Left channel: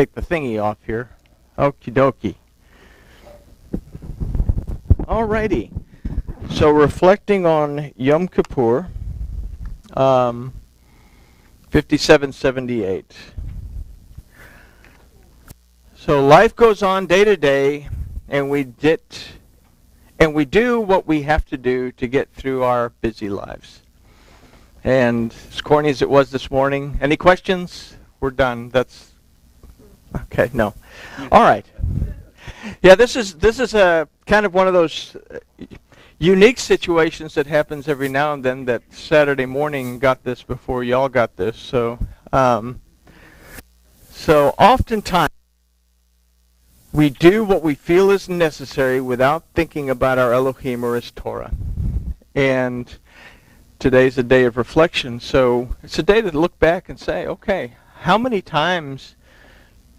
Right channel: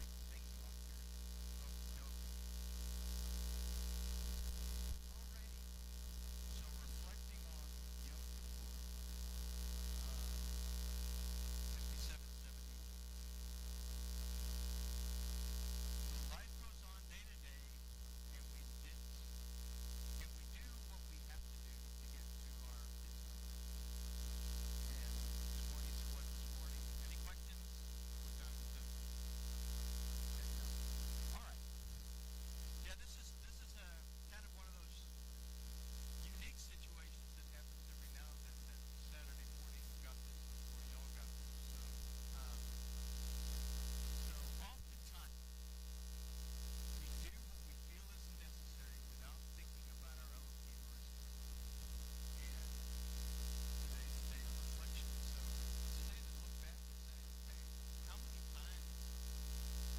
take the thingy off here. Okie dokie. Alrighty. So reflecting on Yom Kippur, 5778. So life goes on day to day, and we do what we have to do to get through our busy lives. And as corny as it was this morning, any questions? We're done. That's okay. No. All right. Yeah, this is a kind of one of those unique situations that happens every now and then. That Saturday morning got this before y'all got this. So oftentimes we do what we feel is necessary without thinking about our Elohim or His Torah. And today's a day of reflection, so it's a day to look back and say, okay, how many times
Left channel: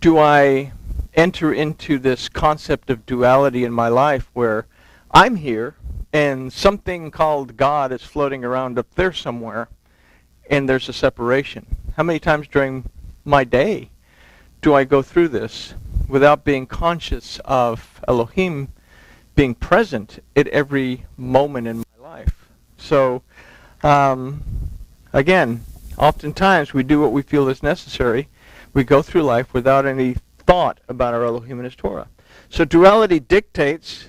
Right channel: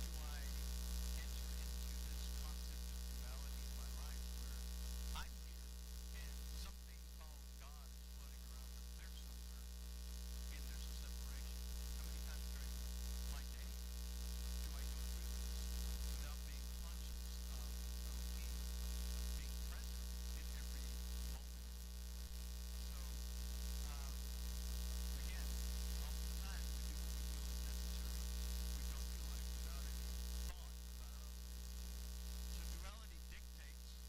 do I enter into this concept of duality in my life where I'm here and something called God is floating around up there somewhere and there's a separation? How many times during my day do I go through this without being conscious of Elohim being present at every moment in my life? So, again, oftentimes we do what we feel is necessary. We go through life without any thought about our Elohim and His Torah. So duality dictates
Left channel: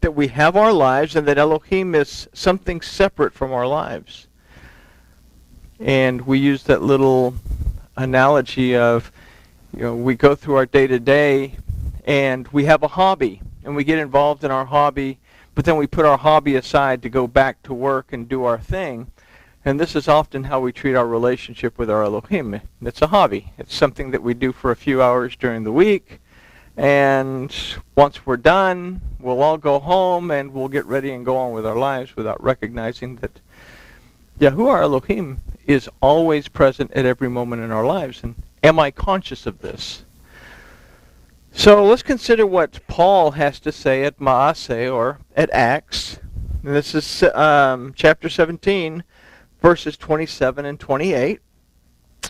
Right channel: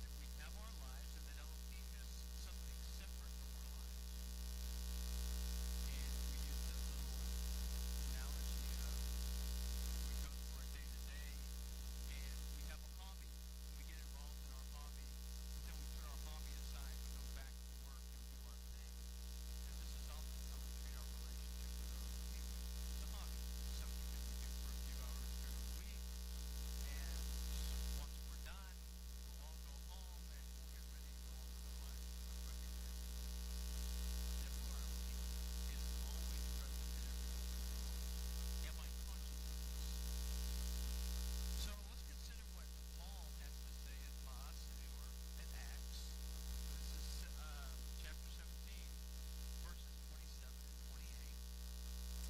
that we have our lives and that Elohim is something separate from our lives. And we use that little analogy of, we go through our day-to-day and we have a hobby and we get involved in our hobby, but then we put our hobby aside to go back to work and do our thing. And this is often how we treat our relationship with our Elohim. It's a hobby. It's something that we do for a few hours during the week. And once we're done, we'll all go home and we'll get ready and go on with our lives without recognizing that Yahuwah our Elohim is always present at every moment in our lives. And am I conscious of this? So let's consider what Paul has to say at Maaseh, or at Acts. And this is chapter 17, verses 27 and 28.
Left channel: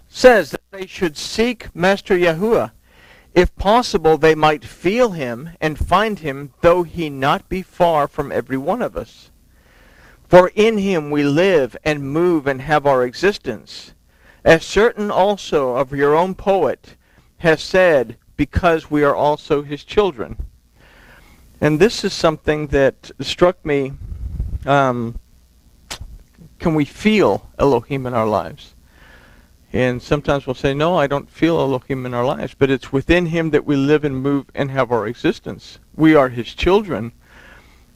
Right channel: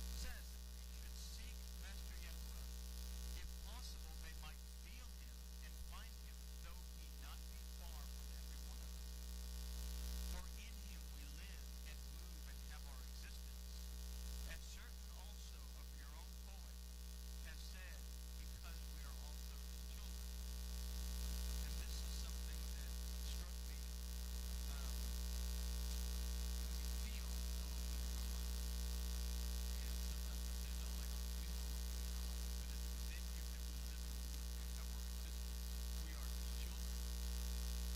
Says that they should seek Master Yahuwah. If possible, they might feel Him and find Him, though He not be far from every one of us. For in Him we live and move and have our existence. As certain also of your own poet has said, because we are also His children. And this is something that struck me. Can we feel Elohim in our lives? And sometimes we'll say, no, I don't feel Elohim in our lives. But it's within Him that we live and move and have our existence. We are His children.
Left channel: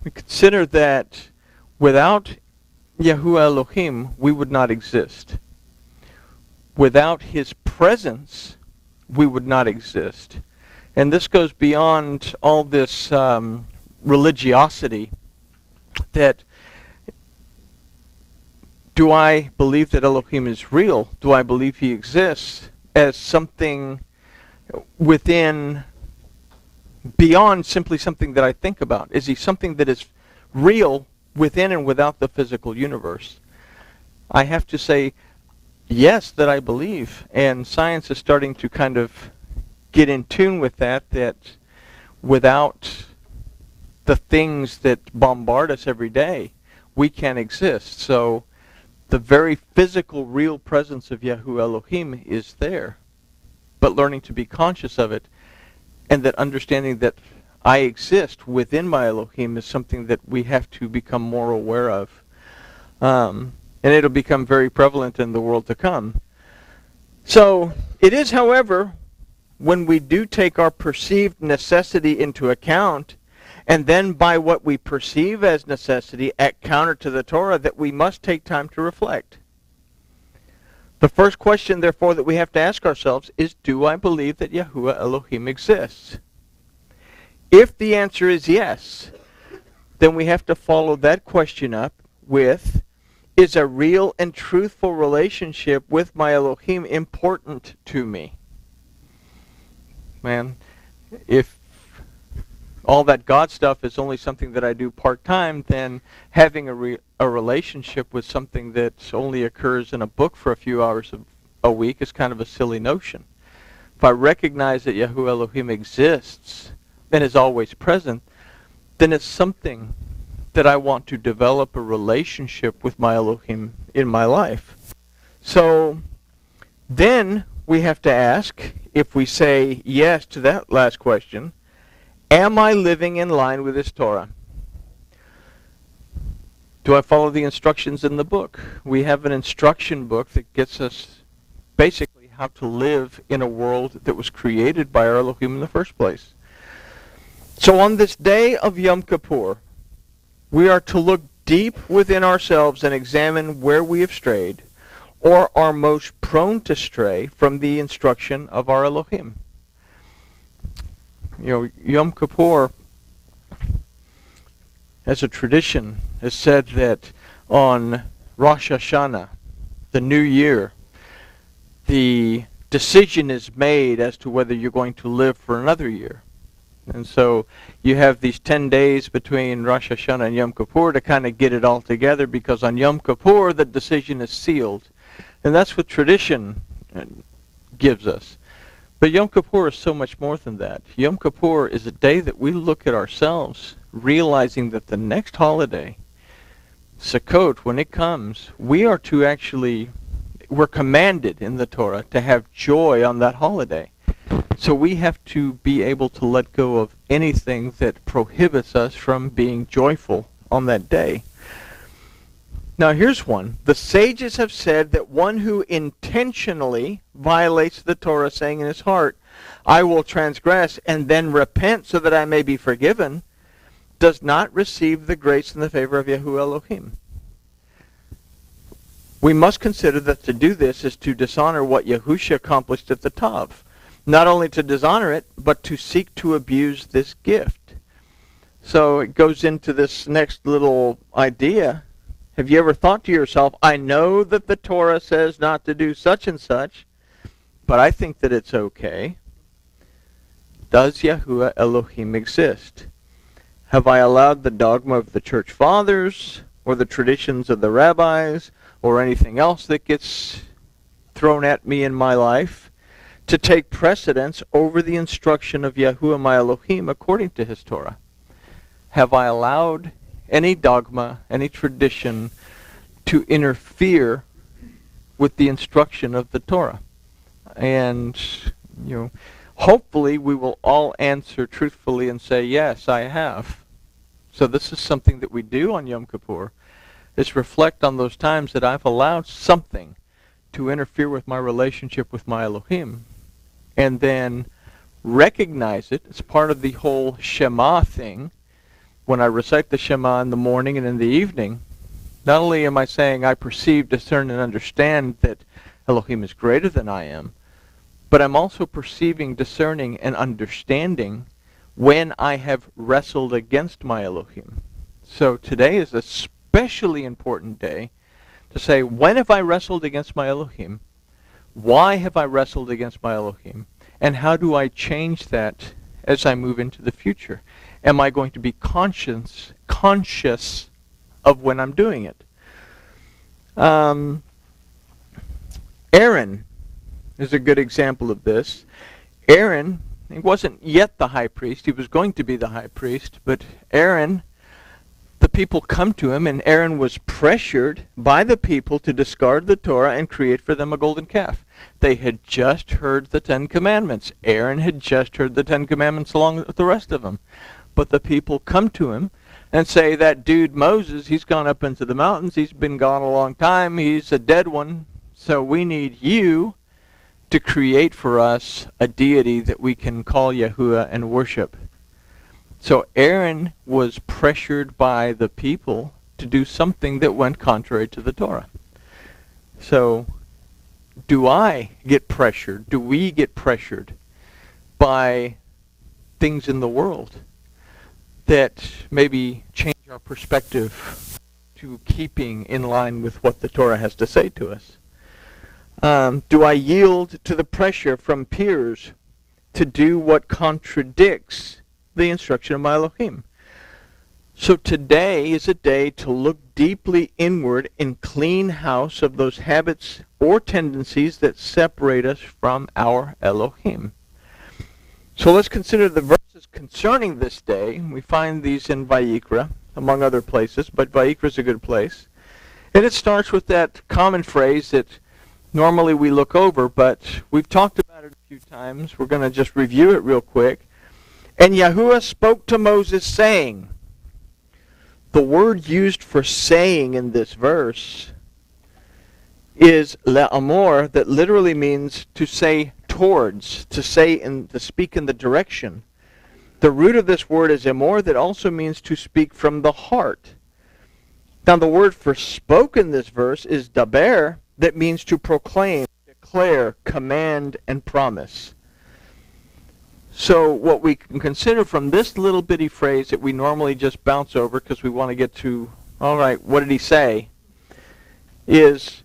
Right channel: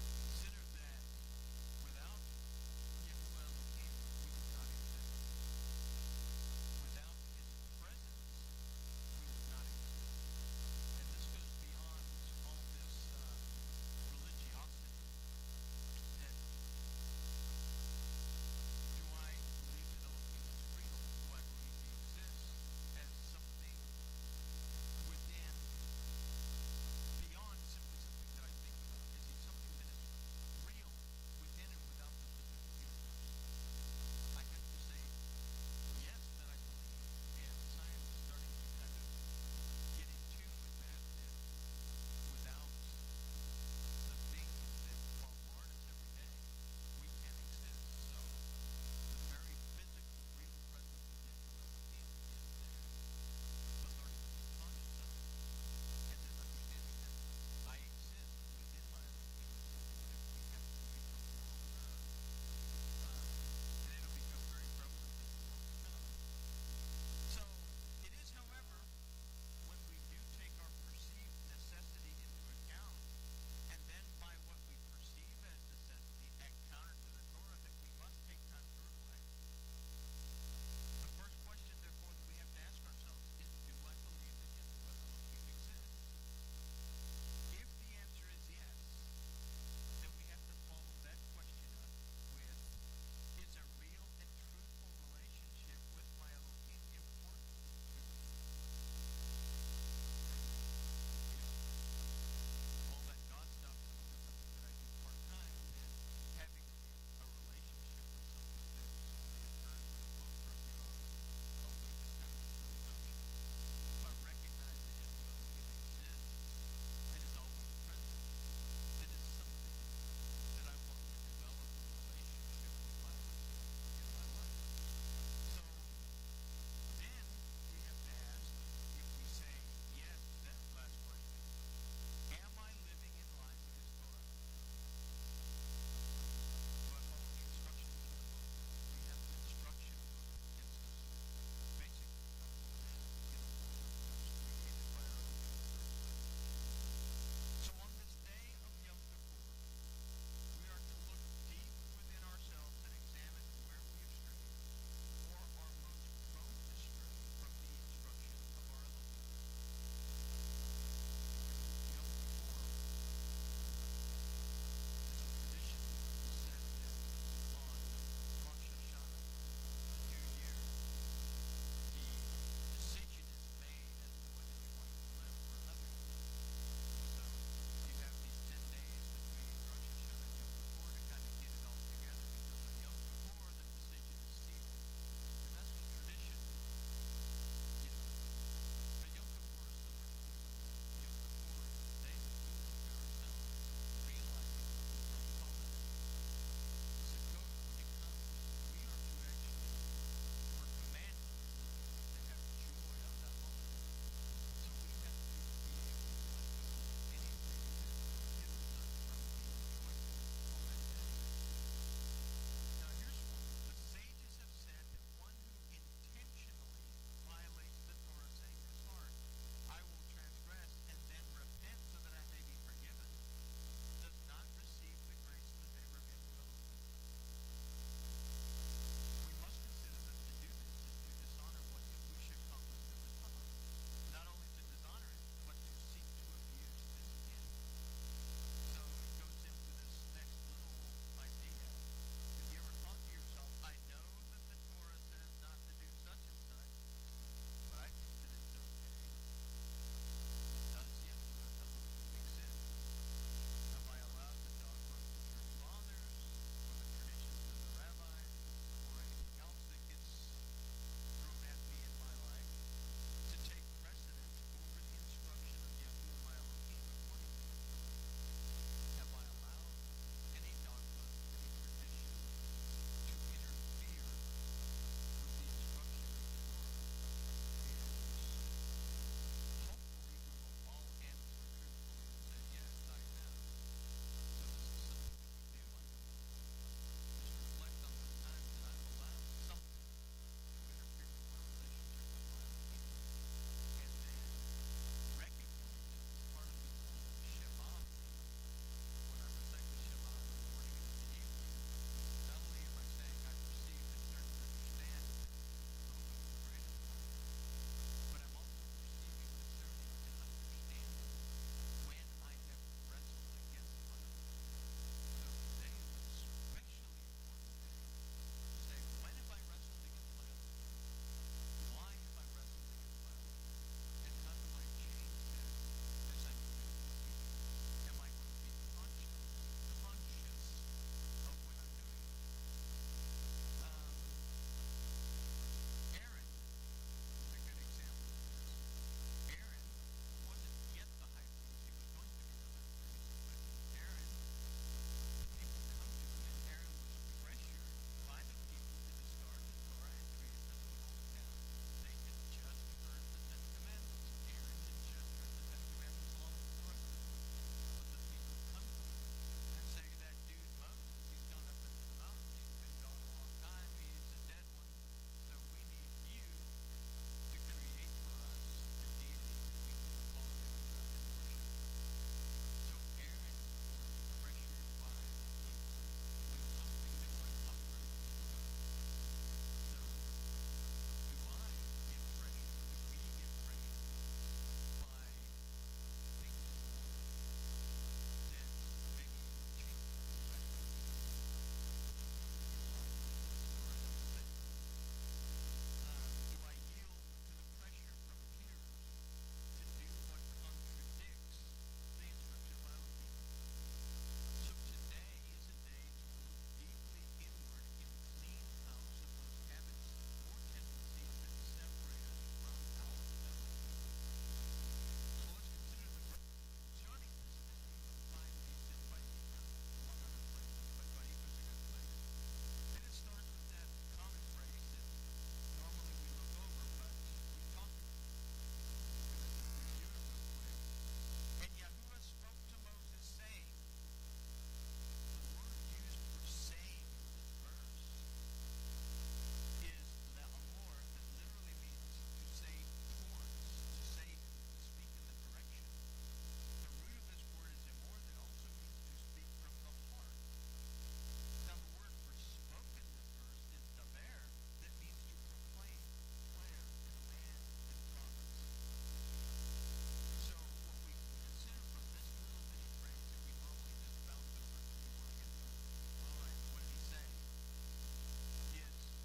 We consider that without Yahuwah Elohim, we would not exist. Without His presence, we would not exist. And this goes beyond all this religiosity. That, do I believe that Elohim is real? Do I believe He exists as something within, beyond simply something that I think about? Is He something that is real within and without the physical universe? I have to say, yes, that I believe, and science is starting to kind of get in tune with that without the things that bombard us every day, we can't exist. So the very physical, real presence of Yahuwah Elohim is there, but learning to be conscious of it, and that understanding that I exist within my Elohim is something that we have to become more aware of. And it'll become very prevalent in the world to come. So it is, however, when we do take our perceived necessity into account, and then by what we perceive as necessity act counter to the Torah, that we must take time to reflect. The first question, therefore, that we have to ask ourselves is, do I believe that Yahuwah Elohim exists? If the answer is yes, then we have to follow that question up with, is a real and truthful relationship with my Elohim important to me? Man, if all that God stuff is only something that I do part-time, then having a relationship with something that only occurs in a book for a few hours a week is kind of a silly notion. if I recognize that Yahuwah Elohim exists and is always present, then it's something that I want to develop a relationship with my Elohim in my life. So then we have to ask, if we say yes to that last question, am I living in line with this Torah? Do I follow the instructions in the book? We have an instruction book that gets us basically how to live in a world that was created by our Elohim in the first place. So on this day of Yom Kippur, we are to look deep within ourselves and examine where we have strayed or are most prone to stray from the instruction of our Elohim. Yom Kippur, as a tradition, has said that on Rosh Hashanah, the new year, the decision is made as to whether you're going to live for another year. And so you have these 10 days between Rosh Hashanah and Yom Kippur to kind of get it all together, because on Yom Kippur the decision is sealed. And that's what tradition gives us. But Yom Kippur is so much more than that. Yom Kippur is a day that we look at ourselves, realizing that the next holiday, Sukkot, when it comes, we're commanded in the Torah to have joy on that holiday. So we have to be able to let go of anything that prohibits us from being joyful on that day. Now here's one. The sages have said that one who intentionally violates the Torah, saying in his heart, I will transgress and then repent so that I may be forgiven, does not receive the grace and the favor of Yahuwah Elohim. We must consider that to do this is to dishonor what Yahusha accomplished at the Tav. Not only to dishonor it, but to seek to abuse this gift. So it goes into this next little idea. Have you ever thought to yourself, I know that the Torah says not to do such and such, but I think that it's okay. Does Yahuwah Elohim exist? Have I allowed the dogma of the church fathers, or the traditions of the rabbis, or anything else that gets thrown at me in my life, to take precedence over the instruction of Yahuwah my Elohim according to his Torah? Have I allowed any dogma, any tradition to interfere with the instruction of the Torah? And, hopefully we will all answer truthfully and say, yes, I have. So this is something that we do on Yom Kippur, is reflect on those times that I've allowed something to interfere with my relationship with my Elohim, and then recognize it as part of the whole Shema thing. When I recite the Shema in the morning and in the evening, not only am I saying I perceive, discern, and understand that Elohim is greater than I am, but I'm also perceiving, discerning, and understanding when I have wrestled against my Elohim. So today is a especially important day to say, when have I wrestled against my Elohim? Why have I wrestled against my Elohim? And how do I change that as I move into the future? Am I going to be conscious of when I'm doing it? Aaron is a good example of this. Aaron, he wasn't yet the high priest. He was going to be the high priest, but Aaron, the people come to him, and Aaron was pressured by the people to discard the Torah and create for them a golden calf. They had just heard the 10 Commandments. Aaron had just heard the 10 Commandments along with the rest of them. But the people come to him and say, that dude Moses, he's gone up into the mountains. He's been gone a long time. He's a dead one. So we need you to create for us a deity that we can call Yahuwah and worship. So Aaron was pressured by the people to do something that went contrary to the Torah. So do I get pressured? Do we get pressured by things in the world that maybe change our perspective to keeping in line with what the Torah has to say to us? Do I yield to the pressure from peers to do what contradicts the instruction of my Elohim? So today is a day to look deeply inward and clean house of those habits or tendencies that separate us from our Elohim. So let's consider the verses concerning this day. We find these in Vayikra, among other places, but Vayikra is a good place. And it starts with that common phrase that normally we look over, but we've talked about it a few times. We're going to just review it real quick. And Yahuwah spoke to Moses, saying. The word used for saying in this verse is le'amor, that literally means to say towards, to speak in the direction. The root of this word is emor, that also means to speak from the heart. Now the word for spoke in this verse is daber, that means to proclaim, declare, command, and promise. So what we can consider from this little bitty phrase that we normally just bounce over because we want to get to, all right, what did he say, is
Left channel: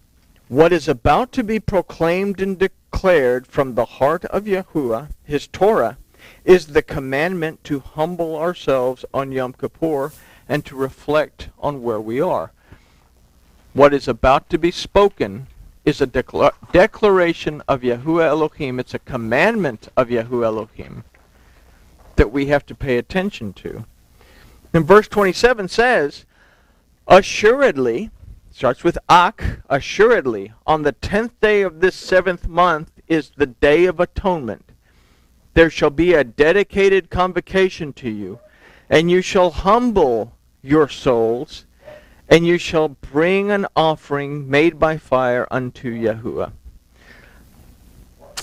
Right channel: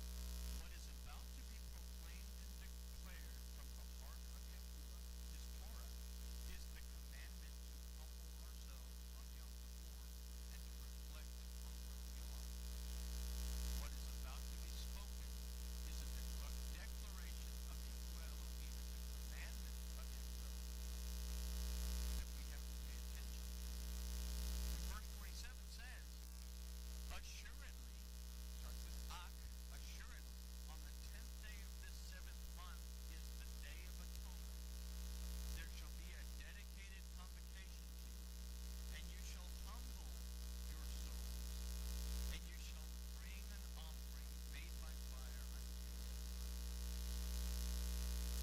what is about to be proclaimed and declared from the heart of Yahuwah, his Torah, is the commandment to humble ourselves on Yom Kippur and to reflect on where we are. What is about to be spoken is a declaration of Yahuwah Elohim. It's a commandment of Yahuwah Elohim that we have to pay attention to. And verse 27 says, assuredly, starts with ak, assuredly, on the 10th day of this 7th month is the day of atonement. There shall be a dedicated convocation to you, and you shall humble your souls, and you shall bring an offering made by fire unto Yahuwah.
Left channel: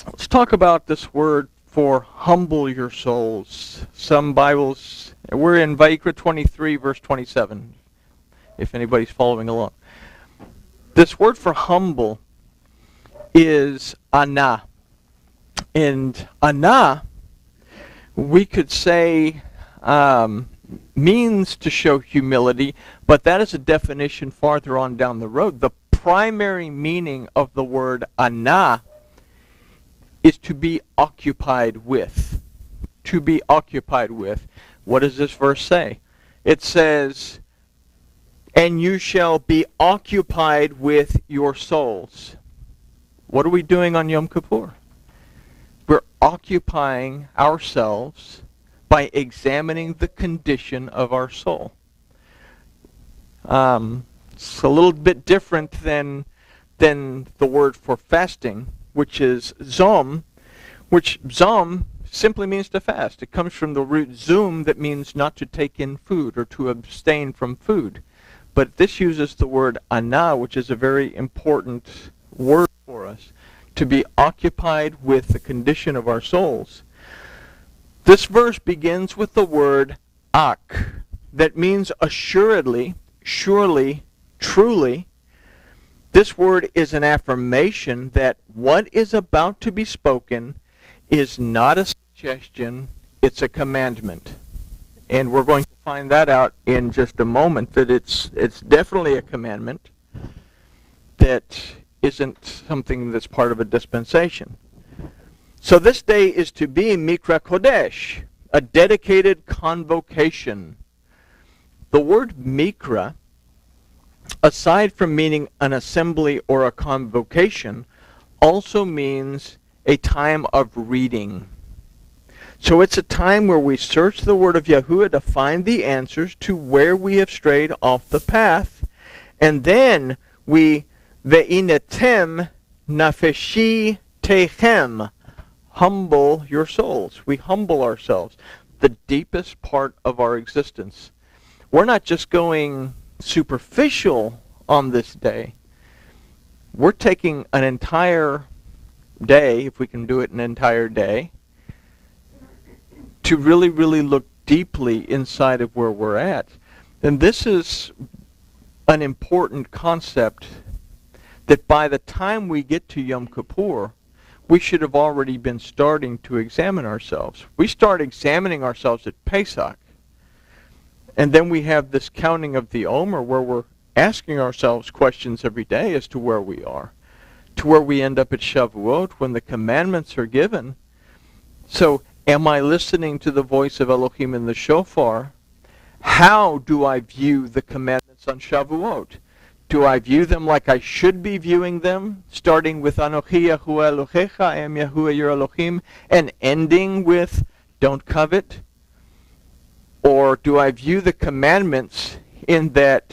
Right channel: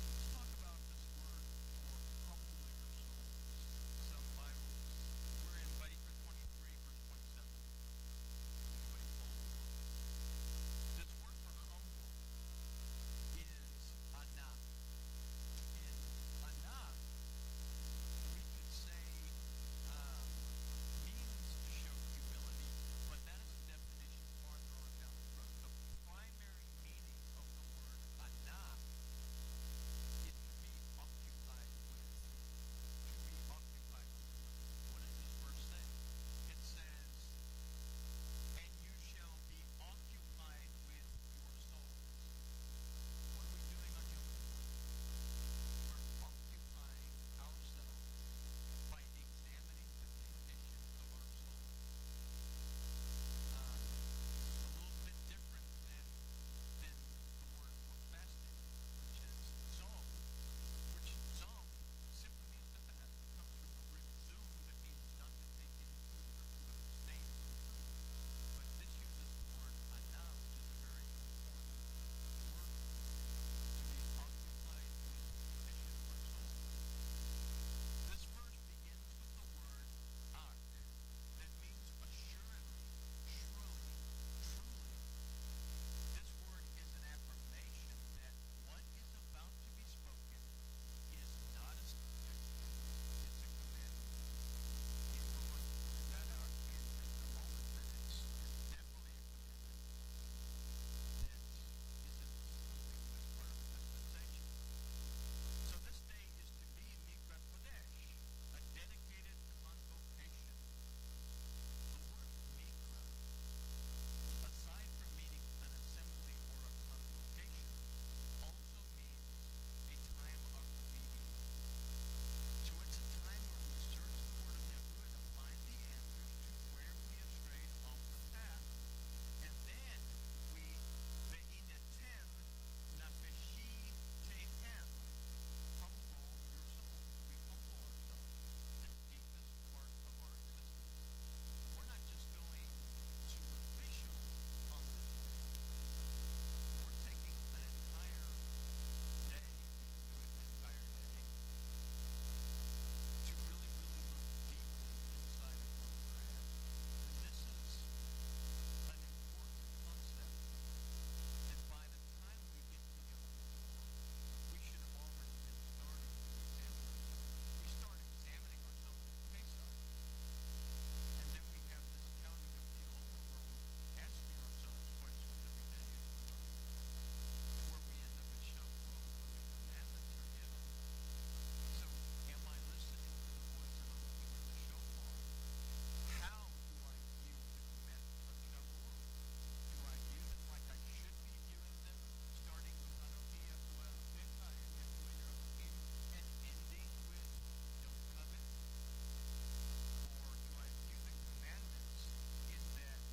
Let's talk about this word for humble your souls. Some Bibles, we're in Vayikra 23, verse 27, if anybody's following along. This word for humble is ana. And ana, we could say, means to show humility, but that is a definition farther on down the road. The primary meaning of the word ana is to be occupied with. To be occupied with. What does this verse say? It says, and you shall be occupied with your souls. What are we doing on Yom Kippur? We're occupying ourselves by examining the condition of our soul. It's a little bit different than the word for fasting, which is zom, which zom simply means to fast. It comes from the root zoom, that means not to take in food or to abstain from food. But this uses the word ana, which is a very important word for us, to be occupied with the condition of our souls. This verse begins with the word ak, that means assuredly, surely, truly. This word is an affirmation that what is about to be spoken is not a suggestion, it's a commandment. And we're going to find that out in just a moment, that it's definitely a commandment that isn't something that's part of a dispensation. So this day is to be Mikra Kodesh, a dedicated convocation. The word Mikra, aside from meaning an assembly or a convocation, also means a time of reading. So it's a time where we search the word of Yahuwah to find the answers to where we have strayed off the path, and then we ve'inetem nafeshi techem, humble your souls. We humble ourselves, the deepest part of our existence. We're not just going superficial on this day. We're taking an entire day, if we can do it an entire day, to really, really look deeply inside of where we're at. And this is an important concept that by the time we get to Yom Kippur, we should have already been starting to examine ourselves. We start examining ourselves at Pesach. And then we have this counting of the Omer, where we're asking ourselves questions every day as to where we are, to where we end up at Shavuot when the commandments are given. So, am I listening to the voice of Elohim in the shofar? How do I view the commandments on Shavuot? Do I view them like I should be viewing them, starting with Anochi Yahuwah Elohecha, I am Yahuwah your Elohim, and ending with don't covet? Or do I view the commandments in that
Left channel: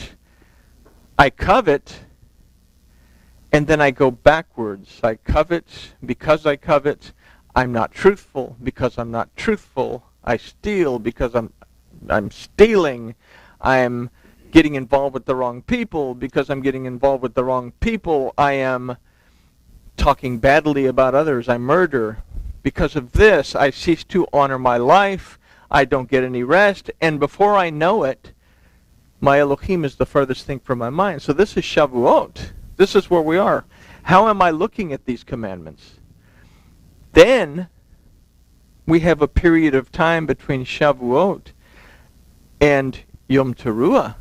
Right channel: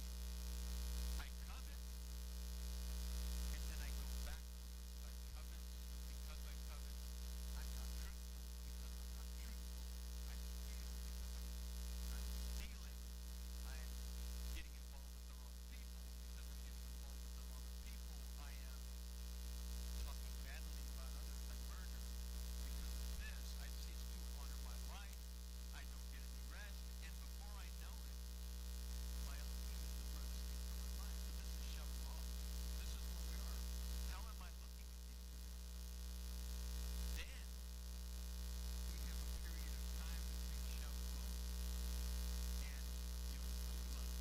I covet, and then I go backwards? I covet because I covet. I'm not truthful because I'm not truthful. I steal because I'm stealing. I'm getting involved with the wrong people because I'm getting involved with the wrong people. I am talking badly about others. I murder. Because of this, I cease to honor my life. I don't get any rest. And before I know it, my Elohim is the furthest thing from my mind. So this is Shavuot. This is where we are. How am I looking at these commandments? Then we have a period of time between Shavuot and Yom Teruah,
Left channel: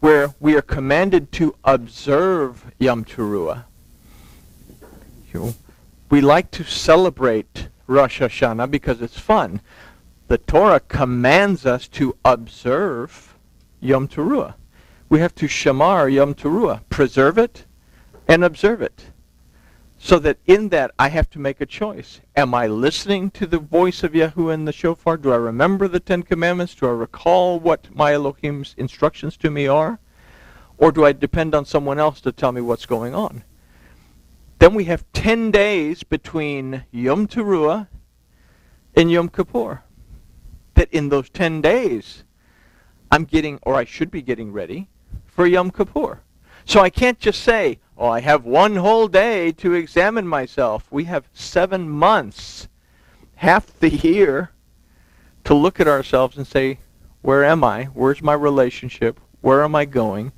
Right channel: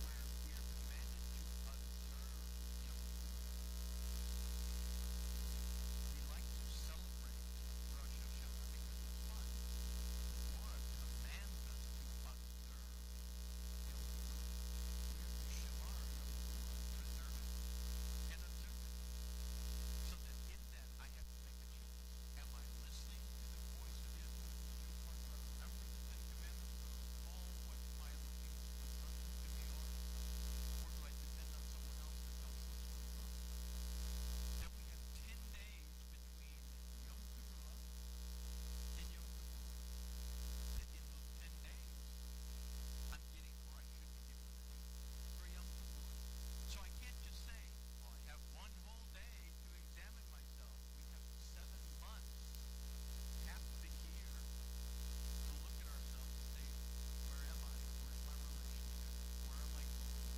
where we are commanded to observe Yom Teruah. We like to celebrate Rosh Hashanah because it's fun. The Torah commands us to observe Yom Teruah. We have to shamar Yom Teruah, preserve it and observe it. So that in that I have to make a choice. Am I listening to the voice of Yahuwah in the shofar? Do I remember the 10 Commandments? Do I recall what my Elohim's instructions to me are? Or do I depend on someone else to tell me what's going on? Then we have 10 days between Yom Teruah and Yom Kippur. That in those 10 days, I'm getting, or I should be getting ready for Yom Kippur. So I can't just say, oh, I have one whole day to examine myself. We have 7 months, half the year, to look at ourselves and say, where am I? Where's my relationship? Where am I going?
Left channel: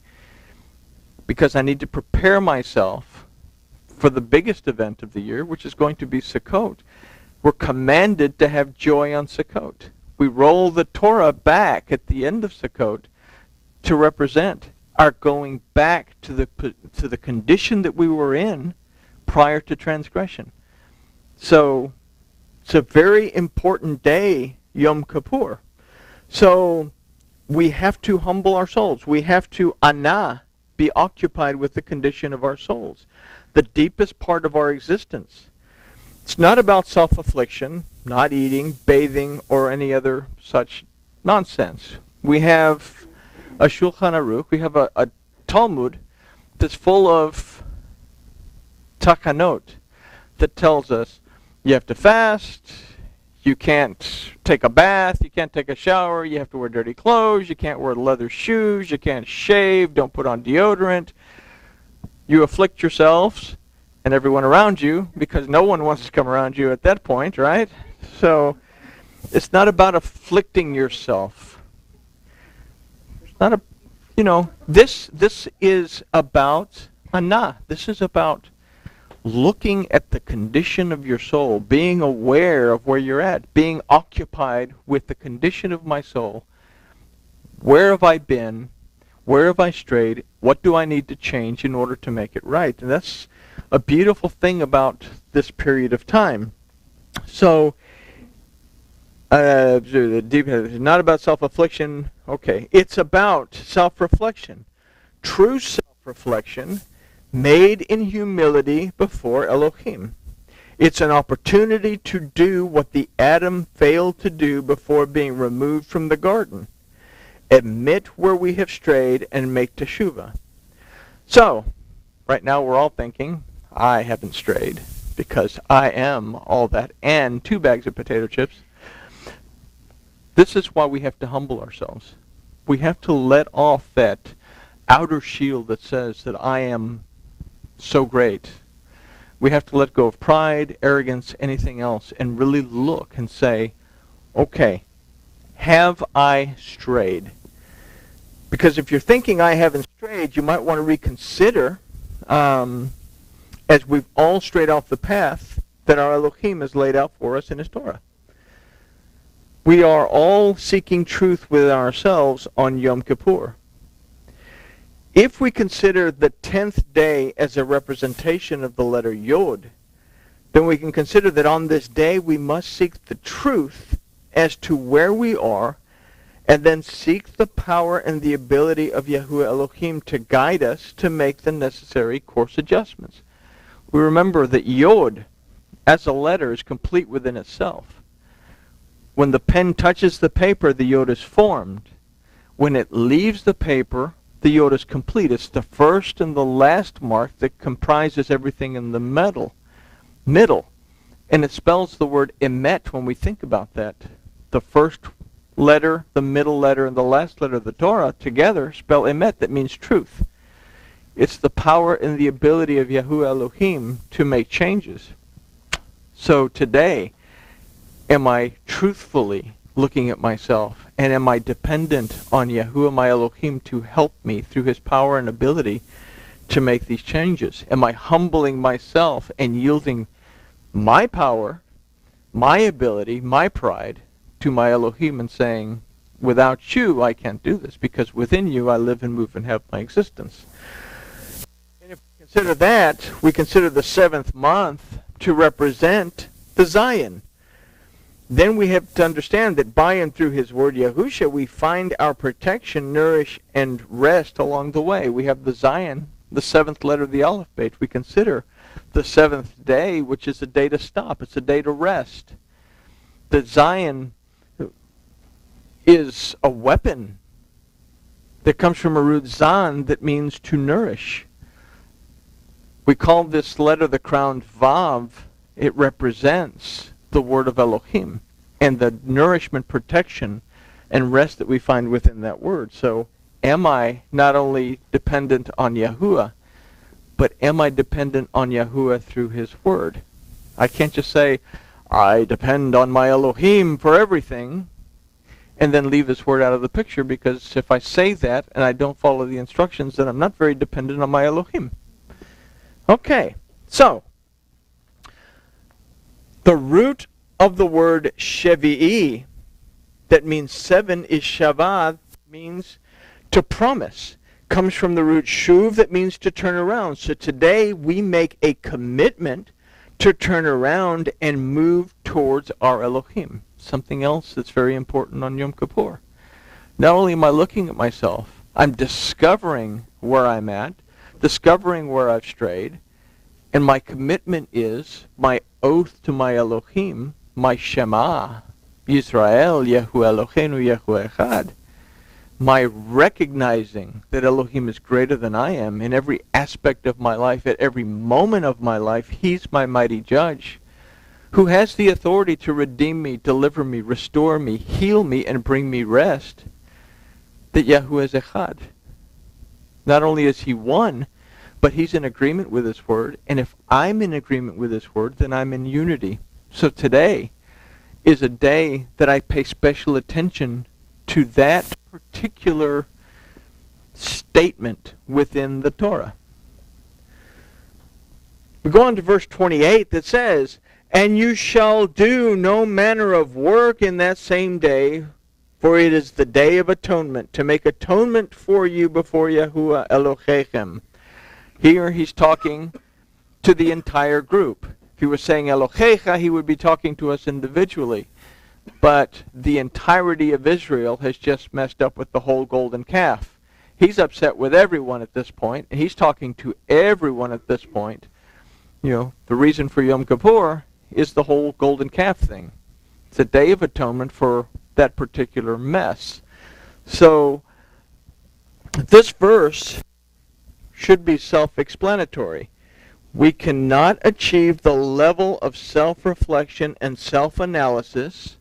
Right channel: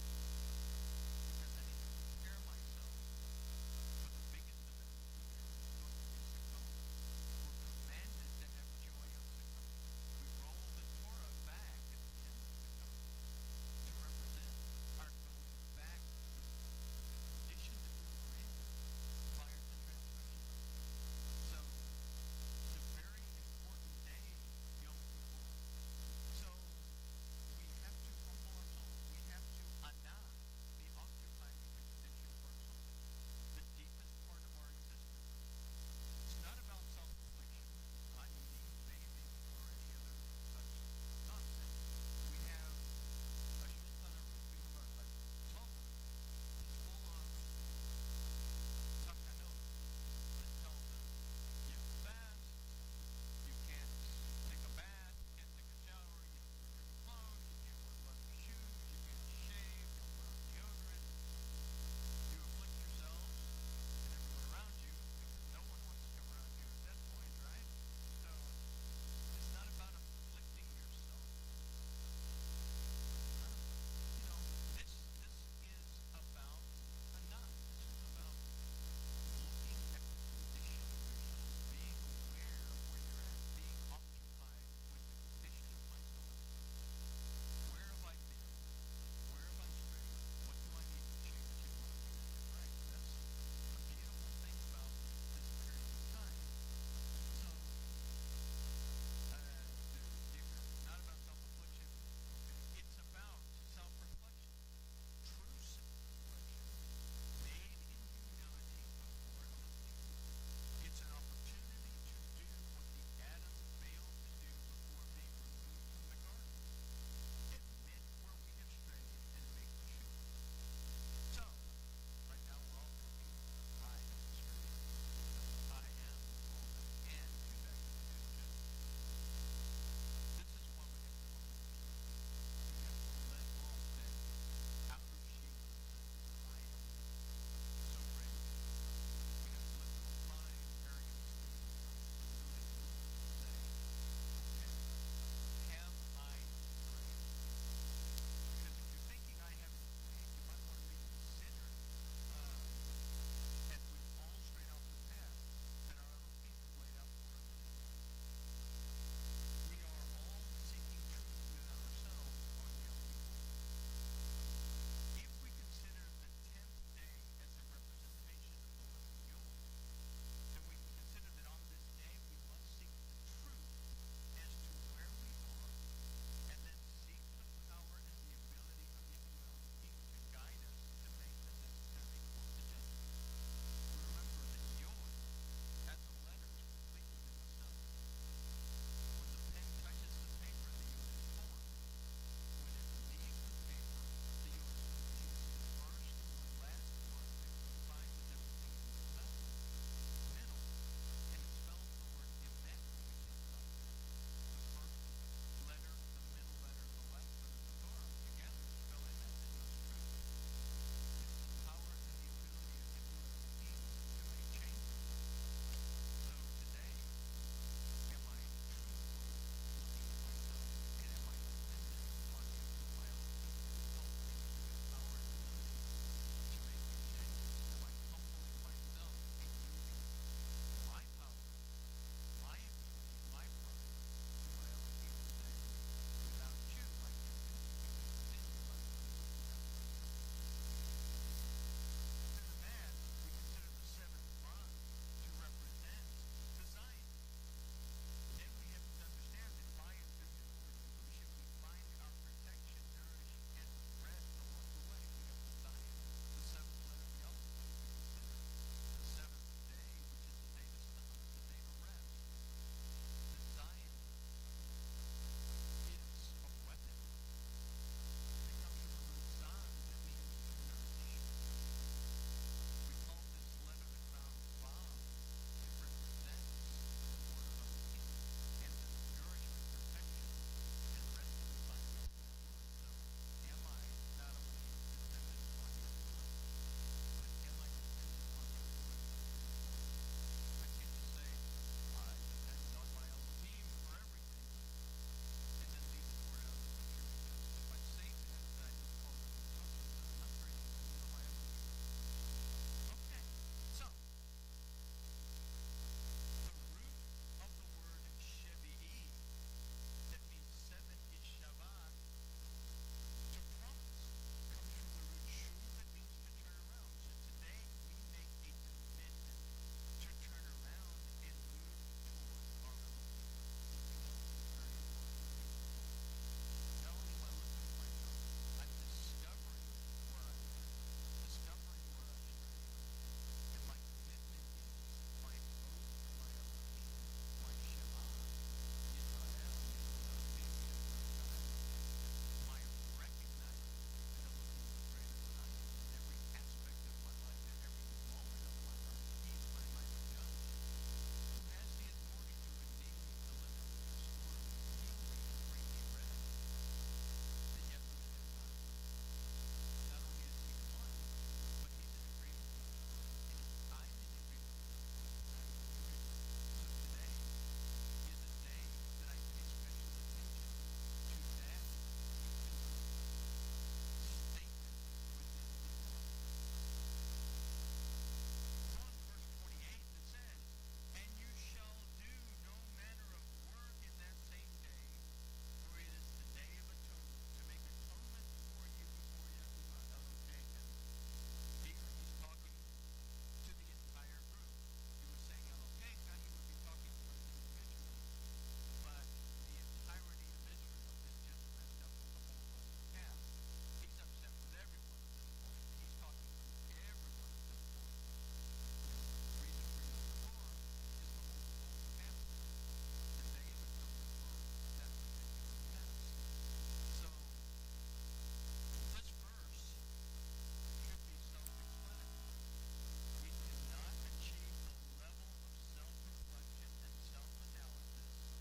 Because I need to prepare myself for the biggest event of the year, which is going to be Sukkot. We're commanded to have joy on Sukkot. We roll the Torah back at the end of Sukkot to represent our going back to the condition that we were in prior to transgression. So it's a very important day, Yom Kippur. So we have to humble our souls. We have to be occupied with the condition of our souls, the deepest part of our existence. It's not about self-affliction, not eating, bathing, or any other such nonsense. We have a Shulchan Aruch, we have a Talmud that's full of takanot that tells us you have to fast, you can't take a bath, you can't take a shower, you have to wear dirty clothes, you can't wear leather shoes, you can't shave, don't put on deodorant. You afflict yourselves and everyone around you because no one wants to come around you at that point, right? So it's not about afflicting yourself. It's not this is about This is about looking at the condition of your soul, being aware of where you're at, being occupied with the condition of my soul. Where have I been? Where have I strayed? What do I need to change in order to make it right? And that's a beautiful thing about this period of time. So, not about self-affliction. Okay, it's about self-reflection. True self-reflection made in humility before Elohim. It's an opportunity to do what the Adam failed to do before being removed from the garden. Admit where we have strayed and make teshuvah. So, right now we're all thinking, I haven't strayed because I am all that and 2 bags of potato chips. This is why we have to humble ourselves. We have to let off that outer shield that says that I am so great. We have to let go of pride, arrogance, anything else, and really look and say, okay, have I strayed? Because if you're thinking I haven't strayed, you might want to reconsider, as we've all strayed off the path that our Elohim has laid out for us in his Torah. We are all seeking truth within ourselves on Yom Kippur. If we consider the 10th day as a representation of the letter Yod, then we can consider that on this day we must seek the truth as to where we are and then seek the power and the ability of Yahuwah Elohim to guide us to make the necessary course adjustments. We remember that Yod, as a letter, is complete within itself. When the pen touches the paper, the Yod is formed. When it leaves the paper, the Yod is complete. It's the first and the last mark that comprises everything in the middle. And it spells the word emet when we think about that. The first letter, the middle letter, and the last letter of the Torah together spell emet. That means truth. It's the power and the ability of Yahuwah Elohim to make changes. So today, am I truthfully looking at myself, and am I dependent on Yahuwah my Elohim to help me through his power and ability to make these changes? Am I humbling myself and yielding my power, my ability, my pride to my Elohim and saying, without you I can't do this, because within you I live and move and have my existence? And if we consider that, we consider the 7th month to represent the Zion. Then we have to understand that by and through his word Yahusha, we find our protection, nourish, and rest along the way. We have the Zion, the 7th letter of the alphabet. We consider the 7th day, which is a day to stop. It's a day to rest. The Zion is a weapon that comes from a root zan that means to nourish. We call this letter the crowned Vav. It represents the word of Elohim and the nourishment, protection, and rest that we find within that word. So am I not only dependent on Yahuwah, but am I dependent on Yahuwah through his word? I can't just say, I depend on my Elohim for everything, and then leave this word out of the picture, because if I say that and I don't follow the instructions, then I'm not very dependent on my Elohim. Okay, so the root of the word Shevi'i, that means 7, is Shabbat, means to promise. Comes from the root Shuv, that means to turn around. So today we make a commitment to turn around and move towards our Elohim. Something else that's very important on Yom Kippur. Not only am I looking at myself, I'm discovering where I'm at, discovering where I've strayed, and my commitment is my oath to my Elohim, my Shema, Yisrael, Yehu Eloheinu, Yehu Echad, my recognizing that Elohim is greater than I am in every aspect of my life, at every moment of my life. He's my mighty judge, who has the authority to redeem me, deliver me, restore me, heal me, and bring me rest, that Yahu is Echad. Not only is he one, but he's in agreement with his word, and if I'm in agreement with his word, then I'm in unity. So today is a day that I pay special attention to that particular statement within the Torah. We go on to verse 28 that says, and you shall do no manner of work in that same day, for it is the day of atonement, to make atonement for you before Yahuwah Elohechem. Here he's talking to the entire group. If he was saying Elohecha, he would be talking to us individually. But the entirety of Israel has just messed up with the whole golden calf. He's upset with everyone at this point, and he's talking to everyone at this point. You know, the reason for Yom Kippur is the whole golden calf thing. It's a day of atonement for that particular mess. So this verse should be self-explanatory. We cannot achieve the level of self-reflection and self-analysis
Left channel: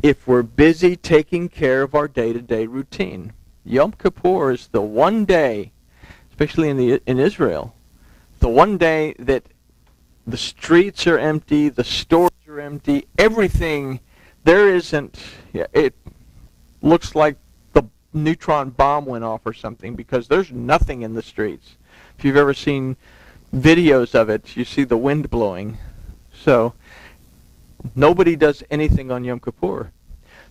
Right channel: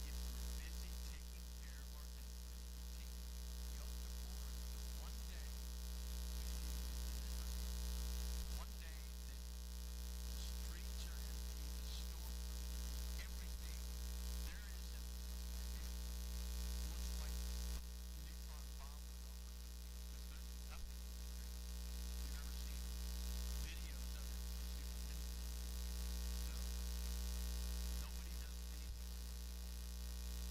if we're busy taking care of our day-to-day routine. Yom Kippur is the one day, especially in Israel, the one day that the streets are empty, the stores are empty, everything, there isn't, it looks like the neutron bomb went off or something, because there's nothing in the streets. If you've ever seen videos of it, you see the wind blowing. So nobody does anything on Yom Kippur.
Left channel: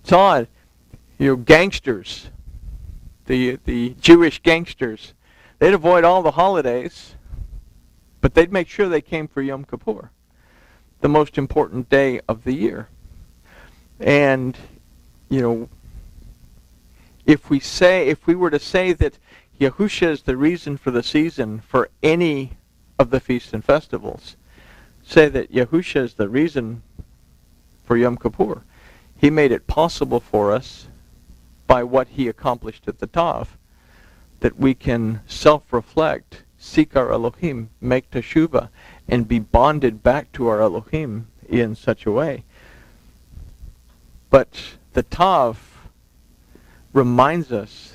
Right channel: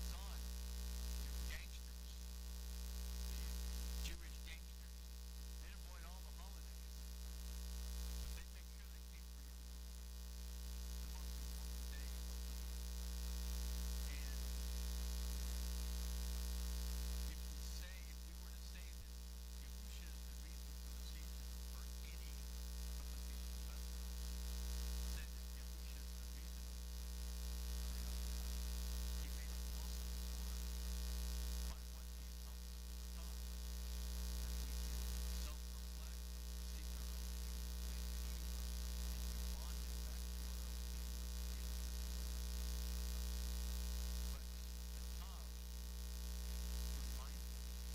It's odd. You know, gangsters, the Jewish gangsters, they'd avoid all the holidays, but they'd make sure they came for Yom Kippur, the most important day of the year. And, you know, If we were to say that Yahusha is the reason for the season for any of the feasts and festivals, say that Yahusha is the reason for Yom Kippur. He made it possible for us by what he accomplished at the Tav, that we can self-reflect, seek our Elohim, make teshuvah, and be bonded back to our Elohim in such a way. But the Tav reminds us,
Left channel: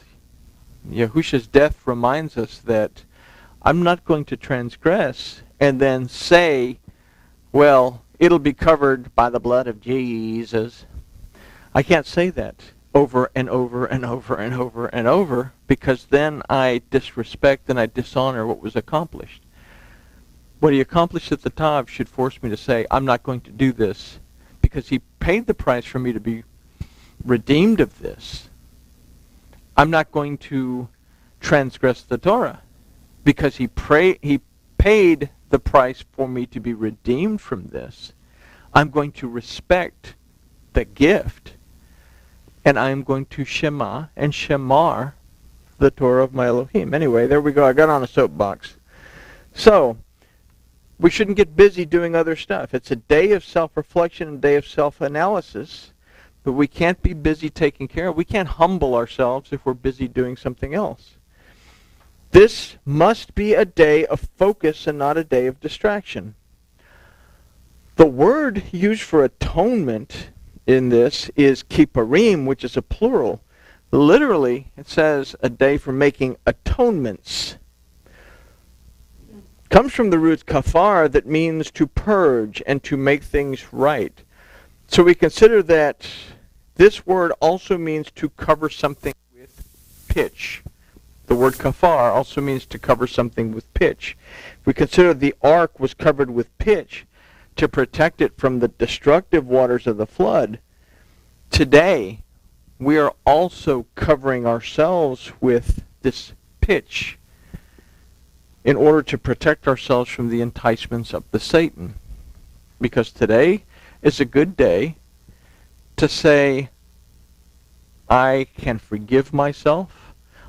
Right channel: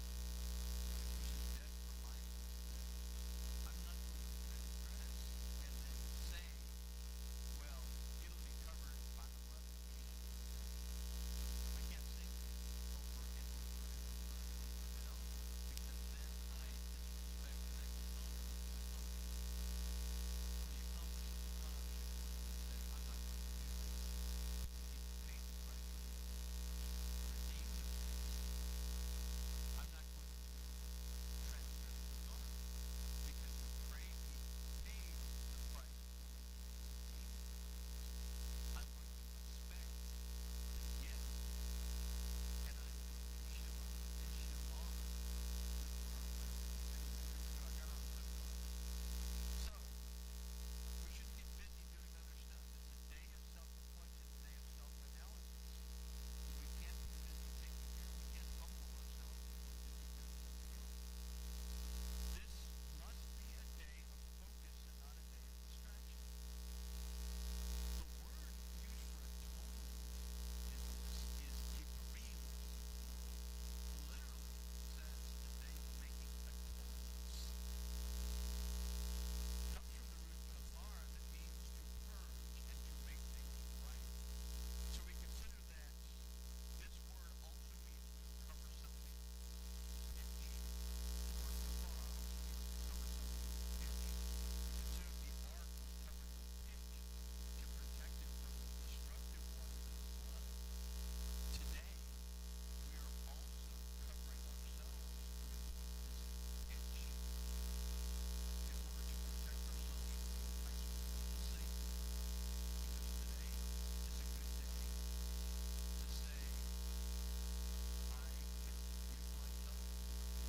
Yahusha's death reminds us that I'm not going to transgress and then say, well, it'll be covered by the blood of Jesus. I can't say that over and over and over and over and over, because then I disrespect and I dishonor what was accomplished. What he accomplished at the Tav should force me to say, I'm not going to do this, because he paid the price for me to be redeemed of this. I'm not going to transgress the Torah, because he paid the price for me to be redeemed from this. I'm going to respect the gift, and I'm going to shema and shemar the Torah of my Elohim. Anyway, there we go. I got on a soapbox. So, we shouldn't get busy doing other stuff. It's a day of self-reflection, a day of self-analysis, but we can't be busy taking care of. We can't humble ourselves if we're busy doing something else. This must be a day of focus and not a day of distraction. The word used for atonement in this is kippurim, which is a plural. Literally, it says a day for making atonements. Comes from the root kafar, that means to purge and to make things right. So we consider that this word also means to cover something with pitch. The word kafar also means to cover something with pitch. We consider the ark was covered with pitch to protect it from the destructive waters of the flood. Today, we are also covering ourselves with this pitch in order to protect ourselves from the enticements of the Satan. Because today is a good day to say, I can forgive myself.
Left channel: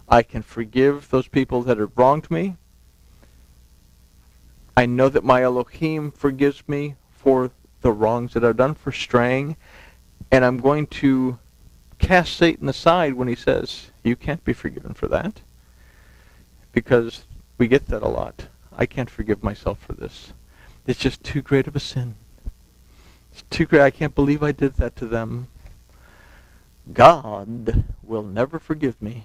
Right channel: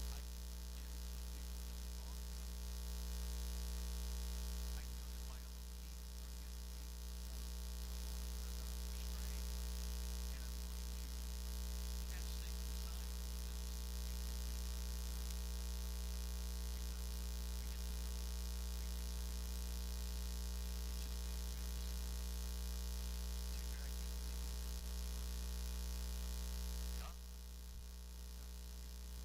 I can forgive those people that have wronged me. I know that my Elohim forgives me for the wrongs that I've done, for straying. And I'm going to cast Satan aside when he says, you can't be forgiven for that. Because we get that a lot. I can't forgive myself for this. It's just too great of a sin. It's too great. I can't believe I did that to them. God will never forgive me.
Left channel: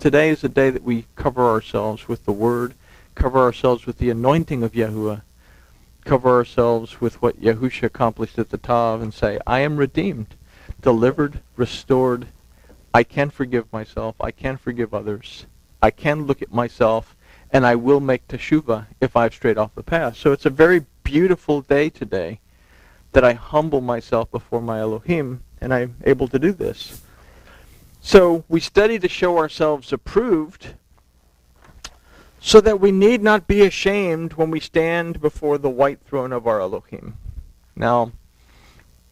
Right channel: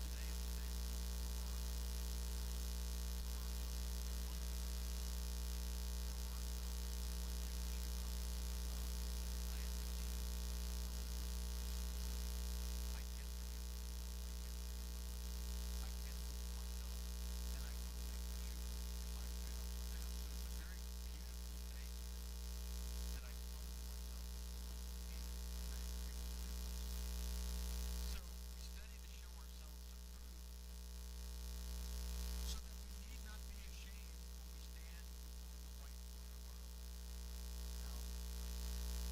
Today is a day that we cover ourselves with the Word, cover ourselves with the anointing of Yahuwah, cover ourselves with what Yahusha accomplished at the Tav, and say, I am redeemed, delivered, restored. I can forgive myself. I can forgive others. I can look at myself, and I will make teshuvah if I've strayed off the path. So it's a very beautiful day today that I humble myself before my Elohim, and I'm able to do this. So we study to show ourselves approved, so that we need not be ashamed when we stand before the white throne of our Elohim. Now,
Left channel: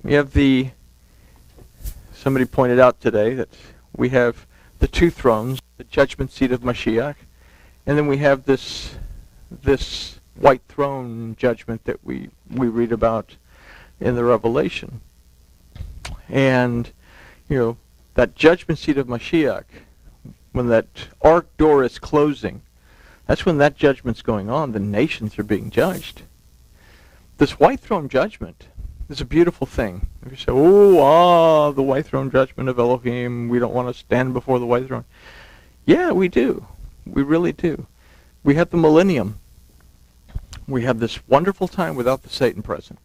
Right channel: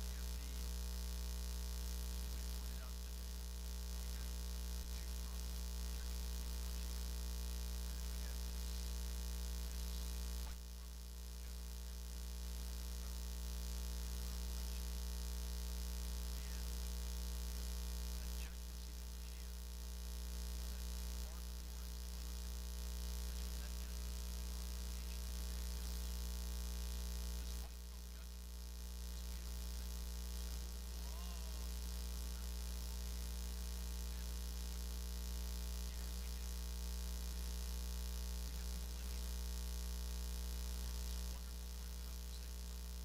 we have somebody pointed out today that we have the two thrones, the judgment seat of Mashiach, and then we have this white throne judgment that we read about in the Revelation. And, that judgment seat of Mashiach, when that ark door is closing, that's when that judgment's going on. The nations are being judged. This white throne judgment is a beautiful thing. If you say, the white throne judgment of Elohim, we don't want to stand before the white throne. Yeah, we do. We really do. We have the millennium. We have this wonderful time without the Satan present.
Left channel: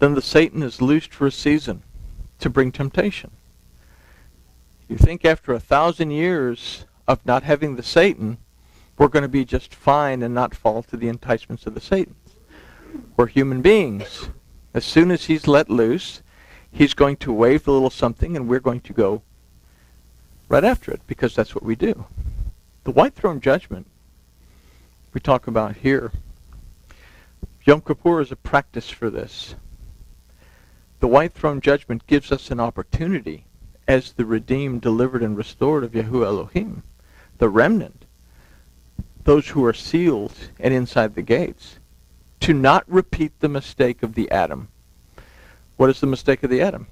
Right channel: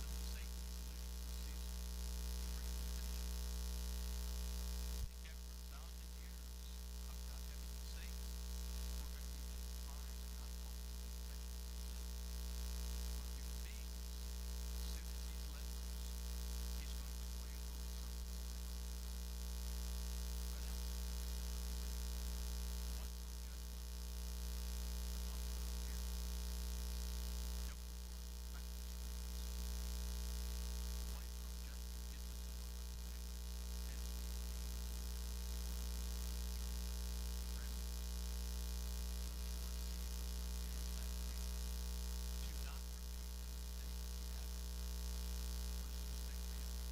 Then the Satan is loosed for a season to bring temptation. You think after 1,000 years of not having the Satan, we're going to be just fine and not fall to the enticements of the Satan. We're human beings. As soon as he's let loose, he's going to wave the little something, and we're going to go right after it, because that's what we do. The white throne judgment we talk about here, Yom Kippur is a practice for this. The white throne judgment gives us an opportunity as the redeemed, delivered, and restored of Yahuwah Elohim, the remnant, those who are sealed and inside the gates, to not repeat the mistake of the Adam. What is the mistake of the Adam?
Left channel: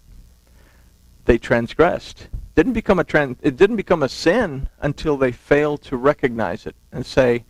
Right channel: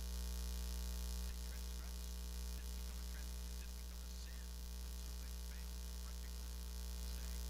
They transgressed. It didn't become a sin until they failed to recognize it and say,